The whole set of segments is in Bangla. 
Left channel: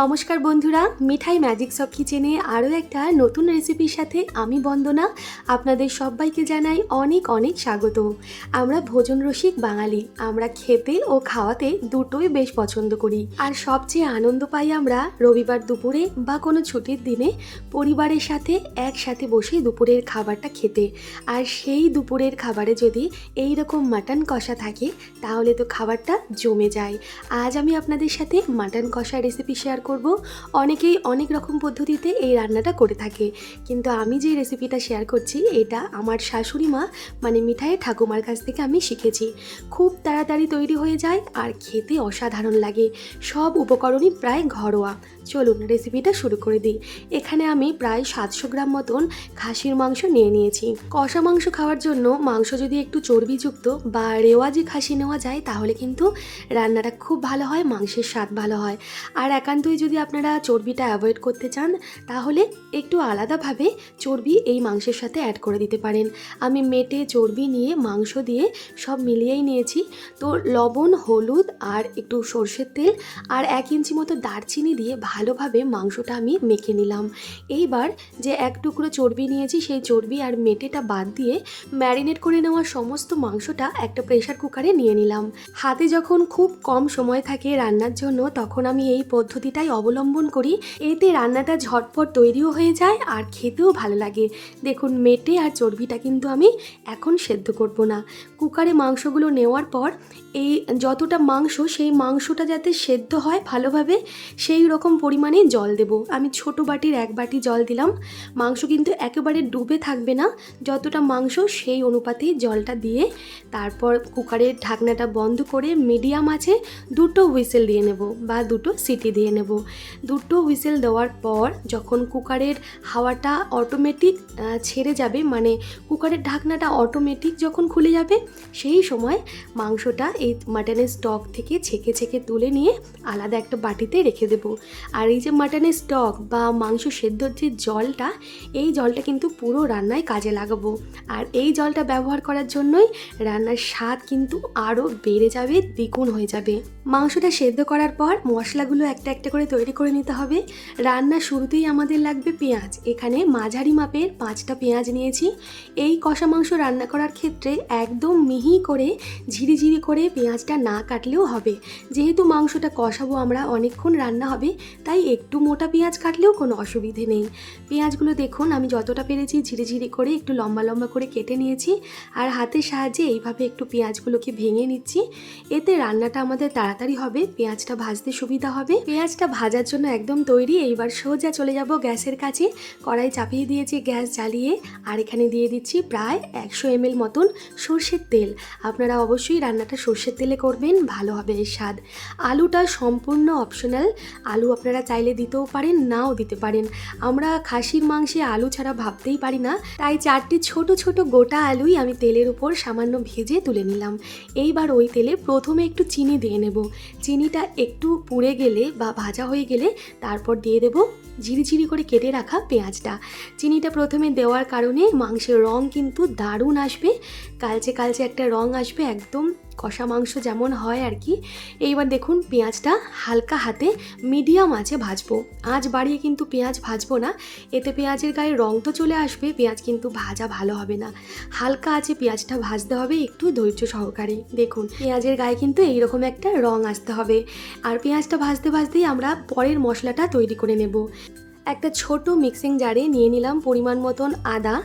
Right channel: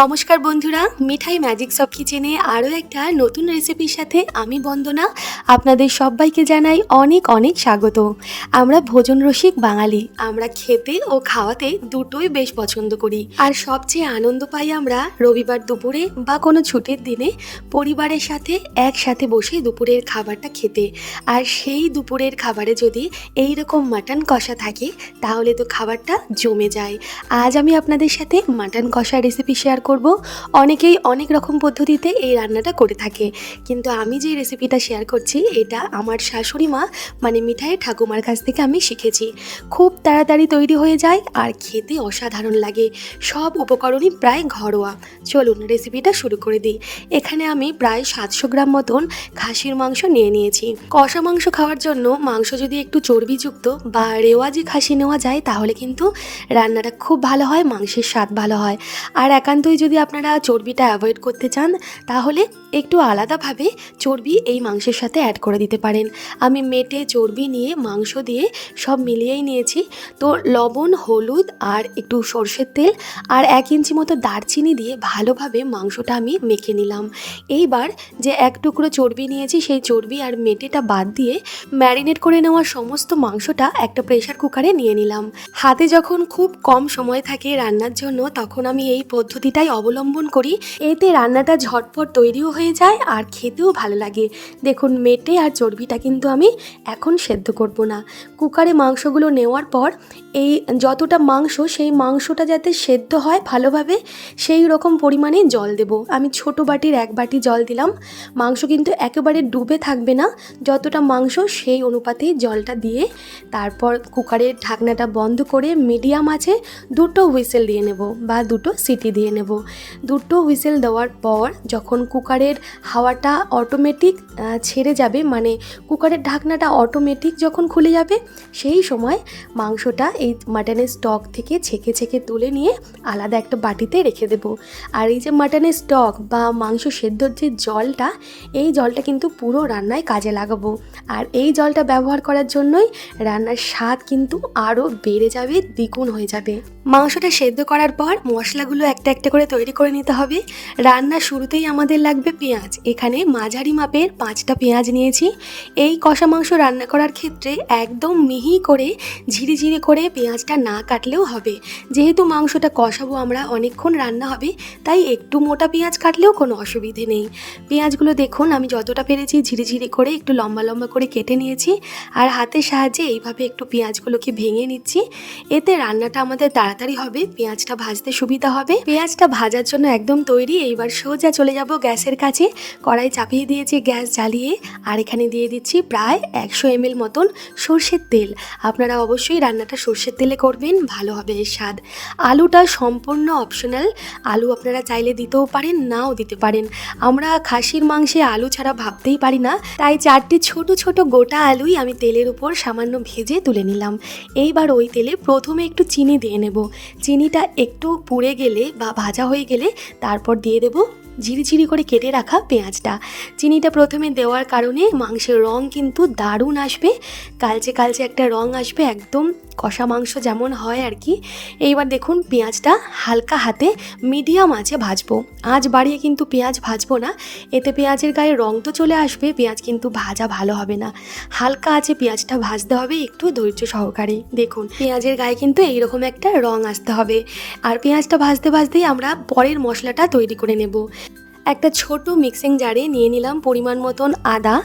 নমস্কার বন্ধুরা, মিঠাই ম্যাজিক সব কিচেনে আরও একটা নতুন রেসিপির সাথে আমি বন্দনা। আপনাদের সবাইকে জানাই অনেক অনেক স্বাগত। আমরা ভোজন রসিক বাঙালি, আমরা খেতে ও খাওয়াতে দুটোই বেশ পছন্দ করি। আর সবচেয়ে আনন্দ পাই আমরা রবিবার দুপুরে বা কোনো ছুটির দিনে পরিবারের সাথে একসাথে বসে দুপুরের খাবারটা খেতে। আর সেই দুপুরের খাবারে যদি এই রকম মাটন কষা থাকে, তাহলে তো খাবারটা জমে যায়। আজ আমি আপনাদের সাথে মাটন কষা রেসিপি শেয়ার করব। অনেকেই অনেক রকম পদ্ধতিতে এই রান্নাটা করে থাকে। কিন্তু আমি যে রেসিপিটা শেয়ার করছি, এটা আমার শাশুড়ি মা মানে মিঠাইয়ের ঠাকুমার কাছ থেকে আমি শিখেছি। খুব তাড়াতাড়ি তৈরি হয়ে যায় আর খেতে অসাধারণ লাগে। সব উপকরণই প্রায় ঘরোয়া। চলুন রেসিপিটা শুরু করে দিই। এখানে আমি প্রায় সাতশো গ্রাম মতন খাসির মাংস নিয়ে নিয়েছি। কষা মাংস খাওয়ার জন্য মাংস যদি একটু চর্বিযুক্ত বা রেওয়াজি খাসি নেওয়া যায়, তাহলে কিন্তু রান্নাটা খুব ভালো হয়, মাংসের স্বাদ ভালো হয়। আর একান্তই যদি আপনারা চর্বিটা অ্যাভয়েড করতে চান, তাহলে একটু আলাদাভাবে চর্বি এই মাংসের সাথে অ্যাড করে দিতে পারেন। আমি মেটে চর্বি নিয়ে মাংস দিয়ে সব মিলিয়েই নিয়েছি। তো লবণ, হলুদ আর একটু সর্ষের তেল আর এক ইঞ্চি মতো দারচিনি দিয়ে ভালোভাবে মাংসটা আমি মেখে নিলাম। এইবার যে এক টুকরো চর্বি নিয়েছি, সেই চর্বি আর মেটেটা বাদ দিয়ে ম্যারিনেট করে নেওয়া সমস্ত মাংসটা একটা প্রেশার কুকারে নিয়ে নিলাম। হাতে যখন খুব কম সময় থাকে রান্নার জন্য, তখন আমি এই পদ্ধতিটাই অবলম্বন করি। এতে রান্নাটা ঝটপট তৈরিও হয়ে যায় আর খেতেও ভালো লাগে। দেখুন, মেটে আর চর্বিটা কিন্তু আমি এখন সেদ্ধ করব না। কুকারে মাংসগুলো নেওয়ার পর এই যতটা মাংস, সেই মাংসটা যাতে সেদ্ধ হয় ভালোভাবে, সেই রকম পরিমাণে জল দেব। আমি ছোট বাটির এক বাটি জল দিলাম। মাংস কিন্তু একেবারে ডুবে থাকবে না। যতটা মাংস, সেই অনুপাতেই জলটা দিয়ে তারপর কুকারের ঢাকনাটা বন্ধ করে মিডিয়াম আছে দুটো হুইসেল দিয়ে নেব বা দুটো সিটি দিয়ে নেব। দুটো হুইসেল দেওয়ার পর যখন কুকারের হাওয়াটা অটোমেটিক ছেড়ে যাবে মানে কুকারের ঢাকনাটা অটোমেটিক যখন খুলে যাবে, সেই সময় মাংসটা এই মাটনের স্টক থেকে ছেঁকে ছেঁকে তুলে নিয়ে আলাদা একটা বাটিতে রেখে দেবো। আর এই যে মাটনের স্টক বা মাংস সেদ্ধর যে জলটা, এই জলটা কিন্তু পুরো রান্নায় কাজে লাগাবো। আর এই জলটা ব্যবহার করার জন্যই রান্নার স্বাদ কিন্তু আরও বেড়ে যাবে, দ্বিগুণ হয়ে যাবে। মাংসটা সেদ্ধ করার পর মশলাগুলো একটা একটা করে তৈরি করে নিতে হবে। রান্না শুরুতেই আমাদের লাগবে পেঁয়াজ। এখানে মাঝারি মাপের পাঁচটা পেঁয়াজ নিয়েছি। এই কষা মাংস রান্না করার ক্ষেত্রে একদম মিহি করে ঝিরিঝিরি করে পেঁয়াজটা না কাটলেও হবে। যেহেতু মাংসটা কষাবো আমরা, অনেকক্ষণ রান্না হবে, তাই একটু মোটা পেঁয়াজ কাটলেও কোনো অসুবিধে নেই। পেঁয়াজগুলো দেখুন, আমি যতটা পেরেছি ঝিরিঝিরি করে একটু লম্বা লম্বা করে কেটে নিয়েছি। আর হাতের সাহায্যে এইভাবে একটু পেঁয়াজগুলোকে ভেঙে নিচ্ছি। এতে রান্নাটা আমাদের তাড়াতাড়ি হবে, পেঁয়াজটা ভাজতে সুবিধা হবে। পেঁয়াজটা ভাজার জন্য একদম তৈরি। এইবার সোজা চলে যাব গ্যাসের কাছে। কড়াই চাপিয়ে দিয়েছি গ্যাস জ্বালিয়ে। আর এখানে দিয়ে দিচ্ছি প্রায় একশো এমএল মতন সর্ষের তেল। আপনারা অবশ্যই রান্নাটা সর্ষের তেলে করবেন, ভালো হবে এর স্বাদ। আলুটা সম্পূর্ণ অপশনাল আলু আপনারা চাইলে দিতেও পারেন, নাও দিতে পারেন। আমরা খাসির মাংসে আলু ছাড়া ভাবতেই পারি না। তাই চারটি ছোট ছোট গোটা আলুই আমি তেলের উপর সামান্য ভেজে তুলে নিলাম। এইবার ওই তেলে প্রথমে একটু চিনি দিয়ে নেব। চিনিটা একটু পুড়ে গেলে বা হয়ে গেলে তারপর দিয়ে দেবো ঝিরিঝিরি করে কেটে রাখা পেঁয়াজটা। চিনিটা প্রথমে দেওয়ার কারণে মাংসের রং কিন্তু দারুণ আসবে। কালচে কালচে একটা রং আসবে একদম কষা মাংস যেমন হয় আর কি। এইবার দেখুন পেঁয়াজটা হালকা হাতে মিডিয়াম আঁচে ভাজবো। আঁচ বাড়িয়ে কিন্তু পেঁয়াজ ভাজবো না। এতে পেঁয়াজের গায়ে রং তো চলে আসবে, পেঁয়াজ কিন্তু ভাজা ভালো হবে না। হালকা আঁচে পেঁয়াজটা ভাজতে হবে একটু ধৈর্য সহকারে। দেখুন, পেঁয়াজের গায়ে কিন্তু এইরকম একটা রং আসতে হবে। আর পেঁয়াজটা ভাজতে ভাজতেই আমরা পরের মশলাটা তৈরি করে নেব। একটা ছোট মিক্সিং জারে নিয়ে নিলাম পরিমাণ মতন আদা,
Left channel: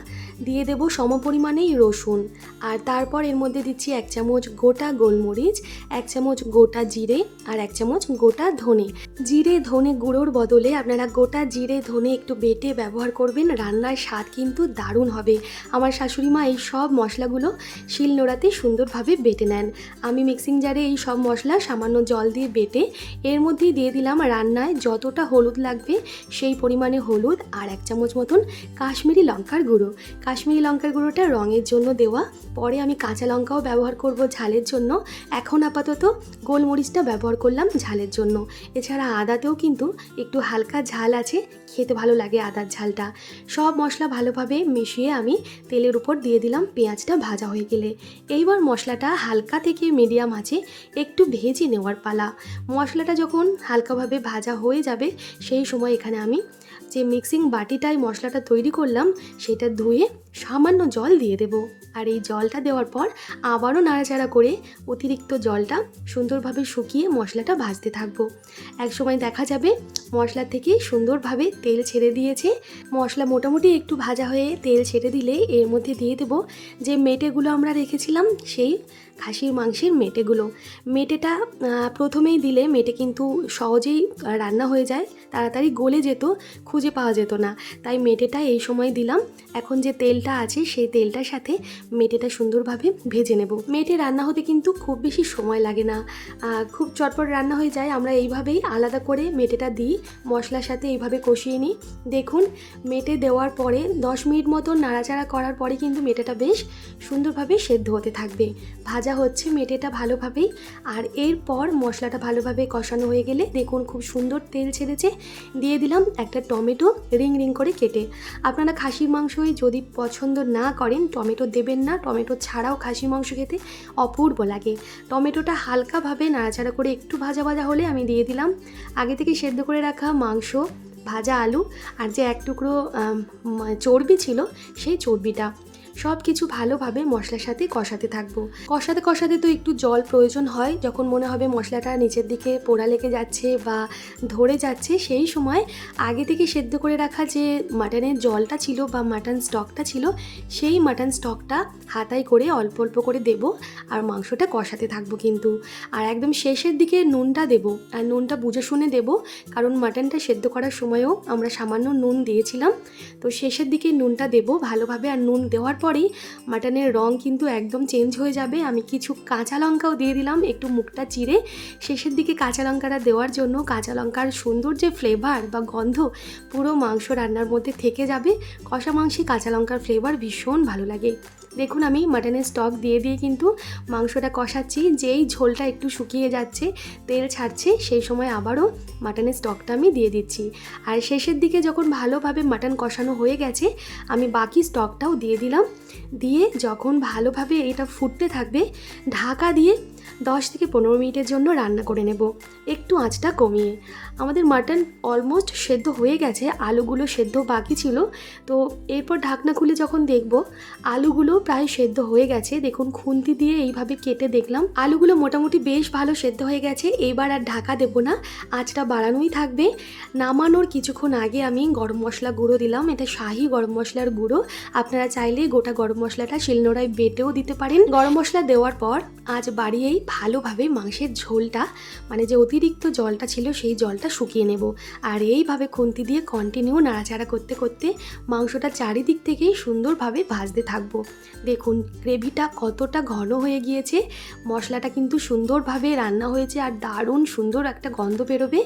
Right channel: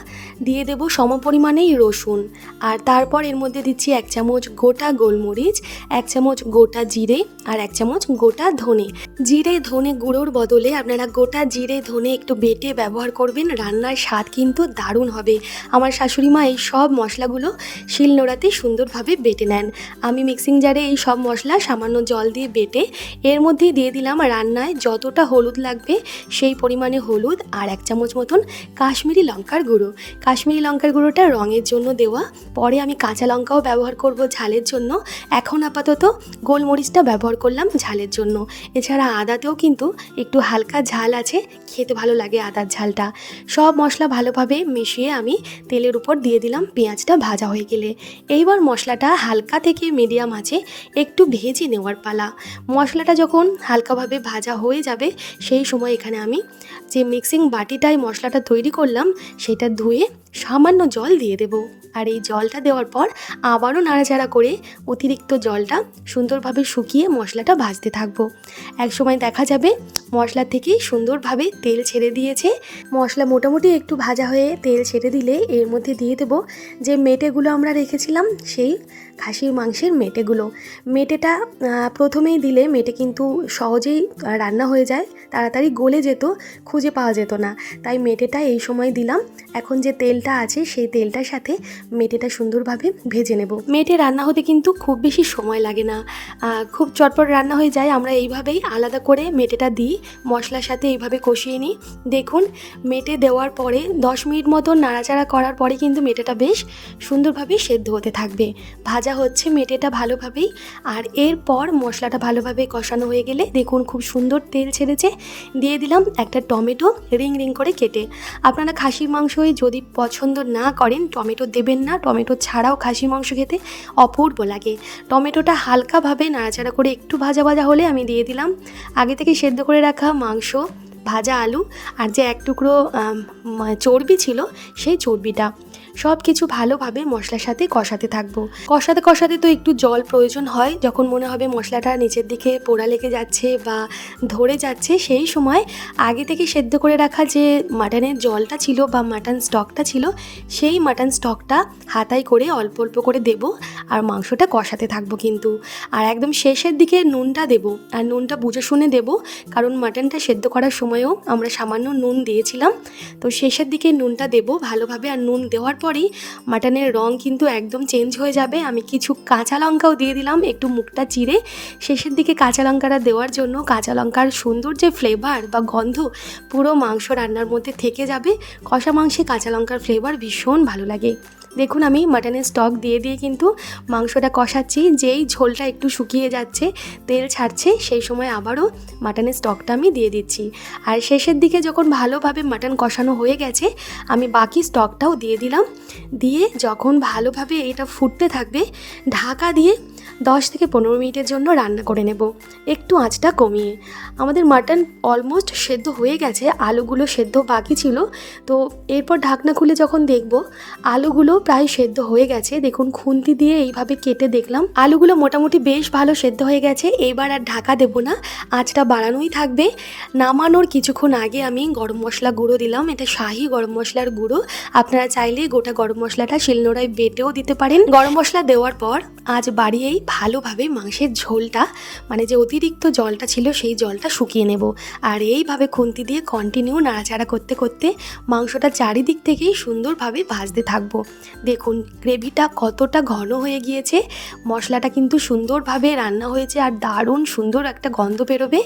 দিয়ে দেবো সম পরিমাণেই রসুন। আর তারপর এর মধ্যে দিচ্ছি এক চামচ গোটা গোলমরিচ, এক চামচ গোটা জিরে আর এক চামচ গোটা ধনে। জিরে ধনে গুঁড়োর বদলে আপনারা গোটা জিরে ধনে একটু বেটে ব্যবহার করবেন, রান্নার স্বাদ কিন্তু দারুণ হবে। আমার শাশুড়ি মা এই সব মশলাগুলো শিলনোড়াতে সুন্দরভাবে বেটে নেন। আমি মিক্সিং জারে এই সব মশলা সামান্য জল দিয়ে বেটে এর মধ্যে দিয়ে দিলাম রান্নায় যতটা হলুদ লাগবে সেই পরিমাণে হলুদ আর এক চামচ মতন কাশ্মীরি লঙ্কার গুঁড়ো। কাশ্মীরি লঙ্কার গুঁড়োটা রঙের জন্য দেওয়া। পরে আমি কাঁচা লঙ্কাও ব্যবহার করব ঝালের জন্য। এখন আপাতত গোলমরিচটা ব্যবহার করলাম ঝালের জন্য। এছাড়া আদাতেও কিন্তু একটু হালকা ঝাল আছে, খেতে ভালো লাগে আদার ঝালটা। সব মশলা ভালোভাবে মিশিয়ে আমি তেলের উপর দিয়ে দিলাম পেঁয়াজটা ভাজা হয়ে গেলে। এইবার মশলাটা হালকা থেকে মিডিয়াম আছে, একটু ভেজে নেওয়ার পালা। মশলাটা যখন হালকাভাবে ভাজা হয়ে যাবে, সেই সময় এখানে আমি যে মিক্সিং বাটিটায় মশলাটা তৈরি করলাম, সেটা ধুয়ে সামান্য জল দিয়ে দেব। আর এই জলটা দেওয়ার পর আবারও নাড়াচাড়া করে অতিরিক্ত জলটা সুন্দরভাবে শুকিয়ে মশলাটা ভাজতে থাকব। এক সময় দেখা যাবে মশলা থেকে সুন্দরভাবে তেল ছেড়ে দিয়েছে। মশলা মোটামুটি একটু ভাজা হয়ে তেল ছেড়ে দিলে এর মধ্যে দিয়ে দেবো যে মেটেগুলো আমরা রেখেছিলাম, সেই খাসির মাংসের মেটেগুলো। মেটেটা প্রথমেই দিলে মেটে কিন্তু সহজেই রান্না হয়ে যায়। তাড়াতাড়ি গলে যেত, খুঁজে পাওয়া যেত না। তাই মেটেটা এই সময় দিলাম। এখন যে তেলটা আছে, সেই তেলটার সাথে মেটেটা সুন্দরভাবে ভেজে নেব। মেটে রান্না হতে কিন্তু খুব বেশি সময় লাগে না। খুব চটপট রান্না হয়ে যায়। আমরা এইভাবেই আলাদা করে মেটেটা দিই। মশলার সাথে এইভাবে কষিয়ে নিই। দেখুন, মেটে দেওয়ার পরে দশ মিনিট মতো নাড়াচাড়া করার পরে কিন্তু মেটেটা বেশ সুন্দরভাবে সেদ্ধ হতে থাকবে। ভাজা হচ্ছে মেটেটা ভালোভাবেই। আর এরপর মশলাটা ভালোভাবে কষানো হয়ে গেলে দেখুন, খুব সুন্দর তেল ছেড়েছে। দিয়ে দিলাম একটা টমেটো রিং রিং করে কেটে। আপনারা খাসির মাংসই যদি পছন্দ না করেন, টমেটো দেবেন না। টমেটো ছাড়াও খাসি মাংস খেতে অপূর্ব লাগে। টমেটোটা হালকাভাবে নাড়াচাড়া করে একটু ভাজা ভাজা হলে আমি দিয়ে দিলাম। আগে থেকে সেদ্ধ করে রাখা মাংস, ভাজা আলু আর যে এক টুকরো চর্বি ছিল সেই চর্বিটা। সব কিছু ভালোভাবে মশলার সাথে কষাতে থাকব। কষাতে কষাতে তো একটু জল প্রয়োজন হয়, যখন মনে হবে মশলাটা নিচের দিকে পোড়া লেগে যাচ্ছে বা ধরে যাচ্ছে, সেই সময় আগে থেকে সেদ্ধ করে রাখা যে মাটনের জলটা ছিল বা মাটন স্টকটা ছিল, সেই মাটন স্টকটা হাতায় করে অল্প অল্প করে দেব আর মাংসটা কষাতে থাকব কিন্তু। আর একদম শেষের দিকে নুনটা দেব আর নুনটা বুঝে শুনে দেব, কারণ মাটনটা সেদ্ধ করার সময়ও আমরা সামান্য নুন দিয়েছিলাম। তো শেষের দিকে নুনটা দেব ভালোভাবে আর নুন দেওয়ার পরেই মাটনের রং কিন্তু একদম চেঞ্জ হয়ে যাবে। আমি কিছু কাঁচা লঙ্কাও দিয়ে দিলাম, একটু মুখটা চিরে শেষের দিকে কাঁচা লঙ্কাটা দেওয়ার জন্য কাঁচা লঙ্কার সুন্দর যে ফ্লেভার বা গন্ধ পুরো মাংস রান্নার মধ্যে থেকে যাবে। কষা মাংসে কাঁচা লঙ্কার ফ্লেভার ভীষণ ভালো লাগে। দেখুন, আমি মাটনের স্টক দিয়ে দিয়ে কিন্তু মাংসটা কষাচ্ছি, যেই ঝোলটা একটু শুকিয়ে যাচ্ছে, তেল ছাড়ছে, সেই সময় আবারও মাটনের স্টকটা আমি দিয়ে দিচ্ছি। আর শেষের দিকে যখন ভালোভাবে মাটন কষানো হয়ে গেছে, আমি বাকি স্টকটাও দিয়ে দিলাম। দিয়ে যখন ভালোভাবে এটা ফুটতে থাকবে, ঢাকা দিয়ে দশ থেকে পনেরো মিনিটের জন্য রান্না করে নেব। একটু আঁচটা কমিয়ে। আমাদের মাটন অলমোস্ট সেদ্ধ হয়ে গেছে, আলুগুলো সেদ্ধ বাকি ছিল। তো এরপর ঢাকনা খুলে যখন দেখব, আলুগুলো প্রায় সেদ্ধ হয়ে গেছে। দেখুন, খুন্তি দিয়ে এইভাবে কেটে দেখলাম। আলুগুলো মোটামুটি বেশ ভালো সেদ্ধ হয়ে গেছে। এইবার আর ঢাকা দেবো না, আঁচটা বাড়ানোই থাকবে। নামানোর কিছুক্ষণ আগে আমি গরম মশলা গুঁড়ো দিলাম, এটা শাহি গরম মশলার গুঁড়ো। আপনারা চাইলে গোটা গরম মশলাটা শিলনোড়ায় বেটেও দিতে পারেন। গরম মশলা দেওয়ার পর আজ বাড়িয়েই ভালোভাবে মাংসের ঝোলটা মানে যে অতিরিক্ত জলটা ছিল সেই জলটা শুকিয়ে নেব। আর এইভাবে খুন্তি দিয়ে কন্টিনিউ নাড়াচাড়া করতে করতে মাংসটা চারিদিক থেকেই সুন্দরভাবে ভাজতে থাকব। দেখুন, গ্রেভিটা কতটা ঘন হয়ে গিয়েছে। মশলাটা কিন্তু সুন্দরভাবে রান্না হয়েছে আর দারুণ সুন্দর একটা গন্ধ বেরোবে।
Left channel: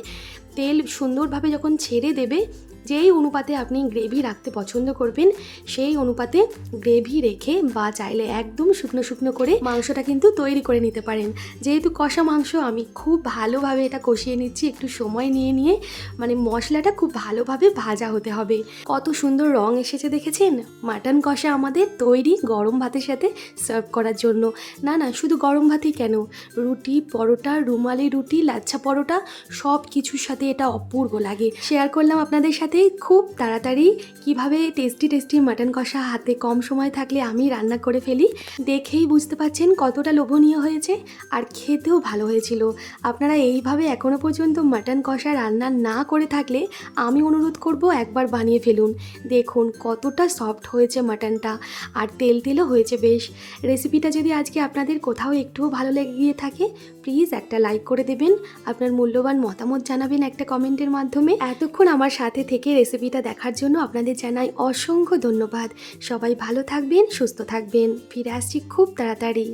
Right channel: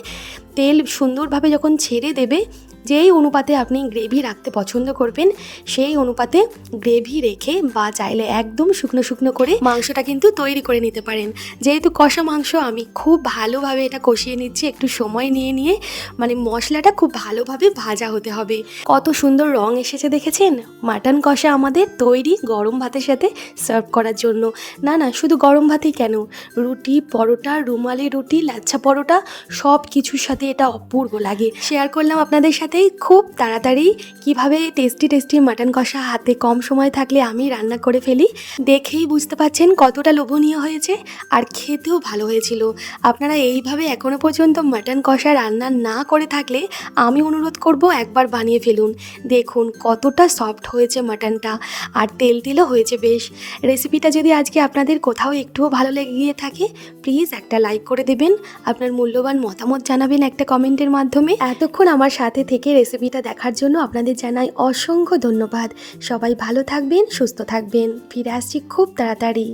তেল সুন্দরভাবে যখন ছেড়ে দেবে, যেই অনুপাতে আপনি গ্রেভি রাখতে পছন্দ করবেন, সেই অনুপাতে গ্রেভি রেখে বা চাইলে একদম শুকনো শুকনো করে মাংসটা কিন্তু তৈরি করে নিতে পারেন। যেহেতু কষা মাংস, আমি খুব ভালোভাবে এটা কষিয়ে নিচ্ছি, একটু সময় নিয়ে নিয়ে। মানে মশলাটা খুব ভালোভাবে ভাজা হতে হবে। কত সুন্দর রং এসেছে দেখেছেন? মাটন কষা আমাদের তৈরি গরম ভাতের সাথে সার্ভ করার জন্য। না না, শুধু গরম ভাতই কেন? রুটি, পরোটা, রুমালি রুটি, লাচ্ছা পরোটা সব কিছুর সাথে এটা অপূর্ব লাগে। শেয়ার করলাম আপনাদের সাথে খুব তাড়াতাড়ি। কীভাবে টেস্টি টেস্টি মাটন কষা হাতে কম সময় থাকলে আমি রান্না করে ফেলি, দেখেই বুঝতে পাচ্ছেন কতটা লোভনীয় হয়েছে আর খেতেও ভালো হয়েছিল। আপনারা এইভাবে এখনও পর্যন্ত মাটন কষা রান্না না করে থাকলে আমি অনুরোধ করব একবার বানিয়ে ফেলুন। দেখুন কতটা সফট হয়েছে মাটনটা আর তেল তেলও হয়েছে বেশ। রেসিপিটা যদি আজকে আপনাদের কোথাও একটুও ভালো লেগে গিয়ে থাকে প্লিজ একটা লাইক করে দেবেন। আপনার মূল্যবান মতামত জানাবেন একটা কমেন্টের মাধ্যমে এতক্ষণ আমার সাথে থেকে রেসিপিটা দেখার জন্য আপনাদের জানাই অসংখ্য ধন্যবাদ। সবাই ভালো থাকবেন, সুস্থ থাকবেন। ফিরে আসছি খুব তাড়াতাড়ি।